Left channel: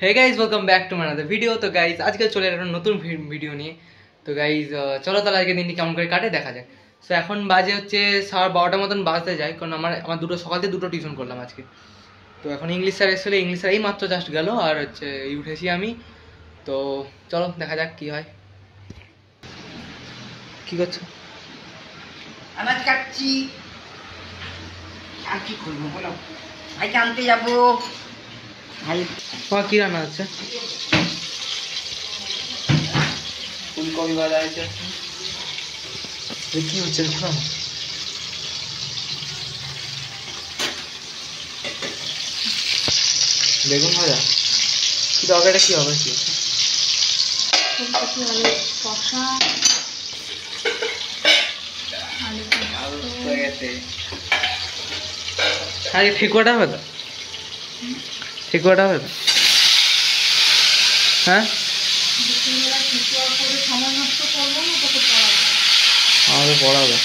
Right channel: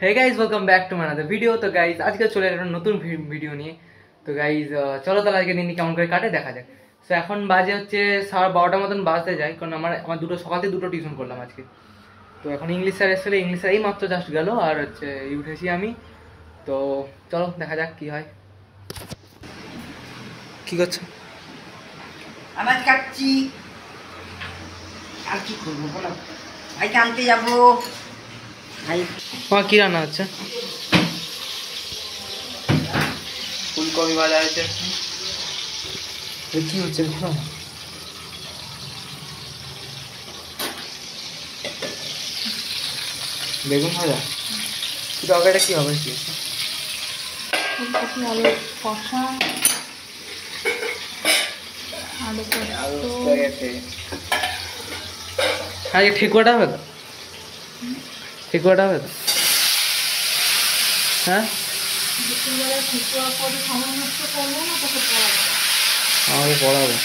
Hey guys welcome back to my other video. तो guys आज के चले नतून भिडियो निये। तो गाइज चलो ताहले आजके दिन केमन करे काटे देखा जाक। सो एखन बाजे होच्छे 12:30 मतन बाजते जाए, कारण आमार दुटो सकाल थेके दुटो टिउशन करलाम आजके। तो एखन इंग्लिश स्যার एसेছিল, इंग्लिश स्যার এই মাত্র জাস্ট গেল আর হচ্ছে উঠেছি আমি। তো চলো দেখা যাক কি হয়। কি করছো? আনাজ কাটছি। আর কি করবো বলো? ভাইকে আনতে যাবো। ভাই কি রান্না হচ্ছে? ফুলকপি ভাজা হয়েছে। কি হচ্ছে দেখো না। বেগুন ভাজা কি তরকারিটা কি হবে? কি ফুলকপি আলু কষা, আজকে ঠেকুয়াটা হবে তো? ঠেকুয়াটা হবে তো? হ্যাঁ দুপুরবেলা ঠেকুয়া করে সময় নষ্ট করবো না, তোকে পড়াবো। আমাকে পড়াবে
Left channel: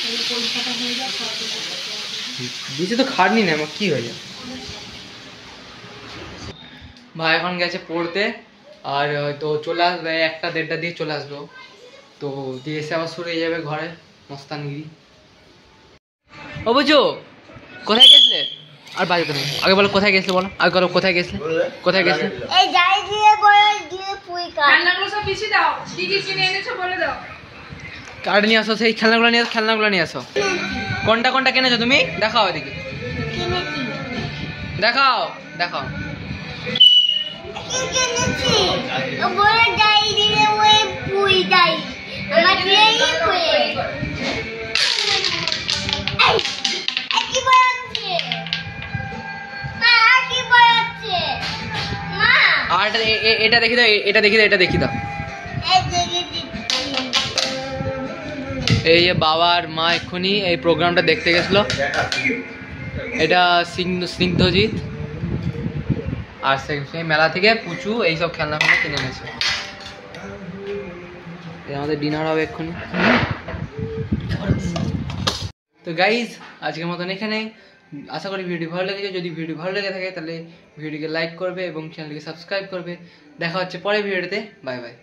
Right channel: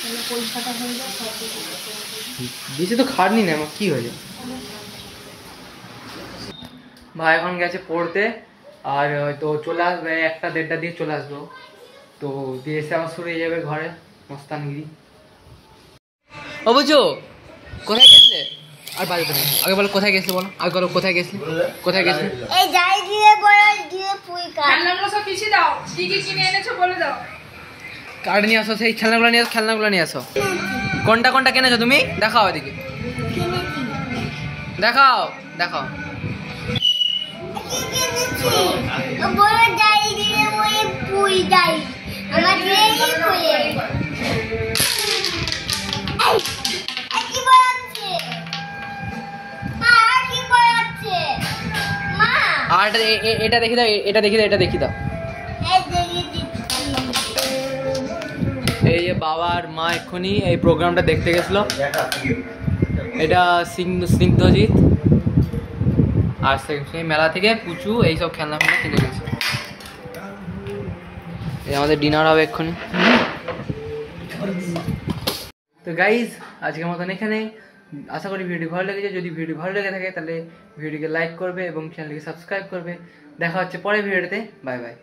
তাহলে পরীক্ষাটা হয়ে যায়, বেশি তো খাটনি না, আমার কি হয়ে যায়। ভাই এখন গেছে পড়তে, আর হয়তো চলে আসবে 1টা-1:30 দিয়ে চলে আসবো। তো দিয়ে এসে আবার শুরু হয়ে যাবে ঘরে মস্তানগিরি। ও বুঝো কোথায় গেছিলে? আর বাজে তো আগে বলো কোথায় গেছিলে, বলো আগে বলো কোথায় গেছিলে, কোথায় গেছিলে? এই যাই দিয়ে বয়স দিয়ে পুই কাট। খেলনাগুলো সব পিছিয়ে দাও, কি কি কিনে এনেছো বলে দাও। কার্ড নিয়ে আসো, সেই খেলনাগুলো নিয়ে আসো, খেলনাগুলো নিয়ে আসো। কোনটা কোনটা কিনেছো তুমি? দেখাও এদিকে, কিনেছি। দেখাও দেখাও। কি কিনেছি? ও বলে যাই দিয়ে ওই পুই যাই আমার দিয়েই পুই। এই কি বলছে মা? কি বলছে মা? আর এটা দেখি দাও, এটা দেখি দাও, এটা দেখি দাও। এই দেখে দিচ্ছি। এই যে বাবা আর মা এক্ষুনি এই প্রোগ্রামটা দেখতে গেছিলো। এটা স্নিগ্ধজিৎ আর সেই মেলা থেকে পুচু এইসব খেলনা ফেলনা কিনে এনেছে। এই আমাদের ডিনার হবে এক্ষুনি। তো গাইজ আজকের মতন এখানে। আশা করি ভিডিও ভালো লেগেছে। যদি ভিডিও ভালো লেগে থাকে তাহলে ভিডিওকে লাইক করবে এবং চ্যানেলকে সাবস্ক্রাইব করবে। দেখা হচ্ছে পরের ভিডিওতে। Bye bye.